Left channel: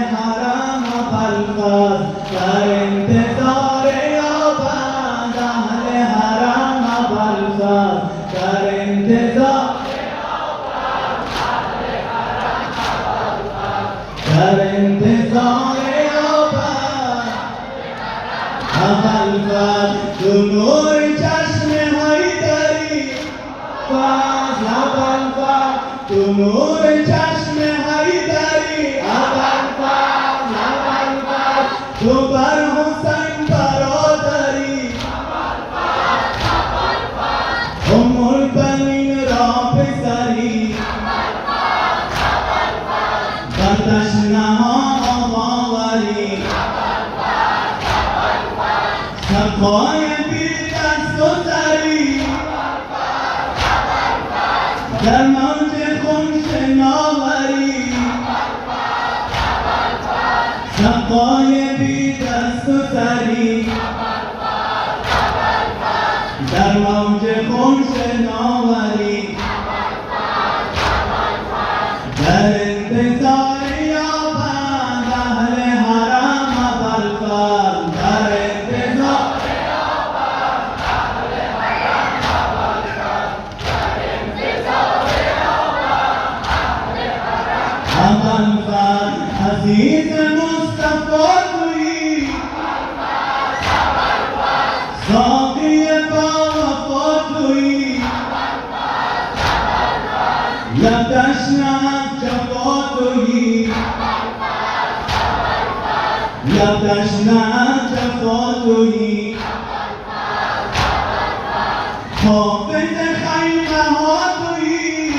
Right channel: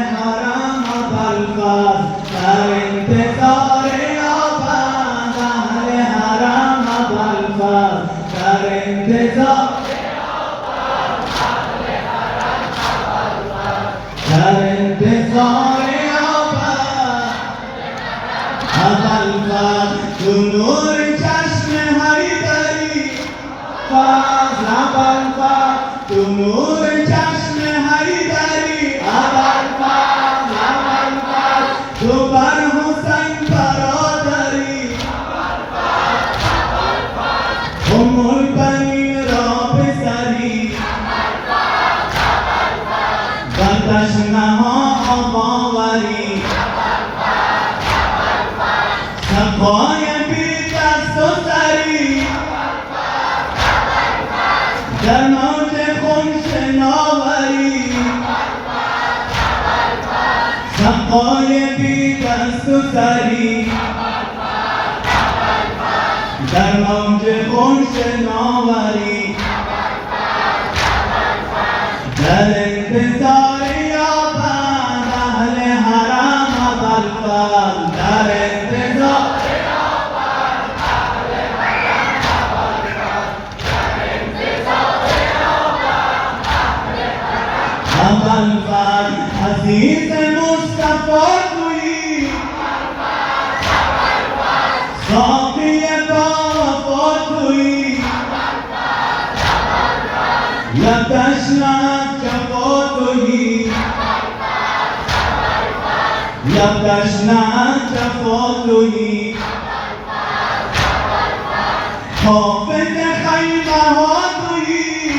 حرم ابوالفضل در انتظار آبند اهل حرم ابوالفضل در انتظار در انتظار ابوالفضل تو نور چشم حیدری فضل ابوالفضل تو نور چشم حیدری ابوالفضل ابوالفضل تو بر حسین برادری ام البنین را پسری بندش نها آوری سقای بی دست و سری در موج خون شناوری سقای بی دست و سری در موج خون شناوری در انتظار یابند اهل حرم ابوالفضل در انتظار ابوالفضل عزیز مصطفی تویی ساقی با وفا تویی لبش نهد جفا تویی لبش نهد جفا تویی حافظ خیمه ها تویی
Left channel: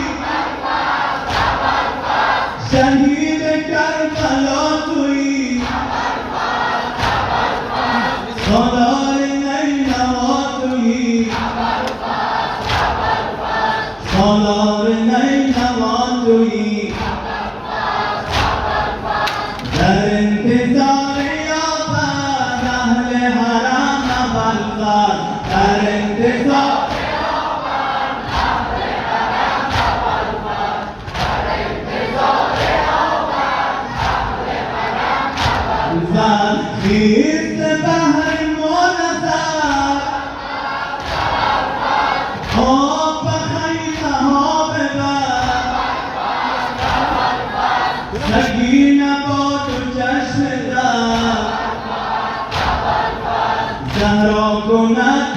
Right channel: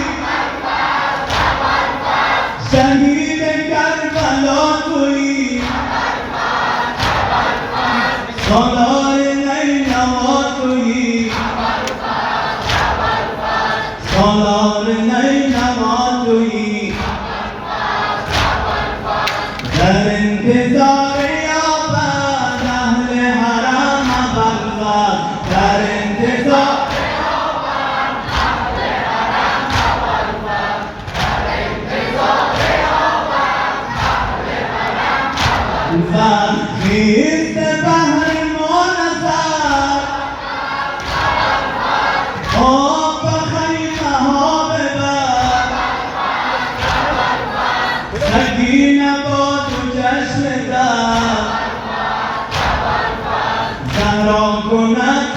شهید کربلا تویی سالار نینوا تویی سالار نینوا تویی در انتظار یابند اهل حرم ابوالفضل در انتظار خیز بحر منظر آب به خیمه ها ببر سکینه با تو چشم در زهرا کند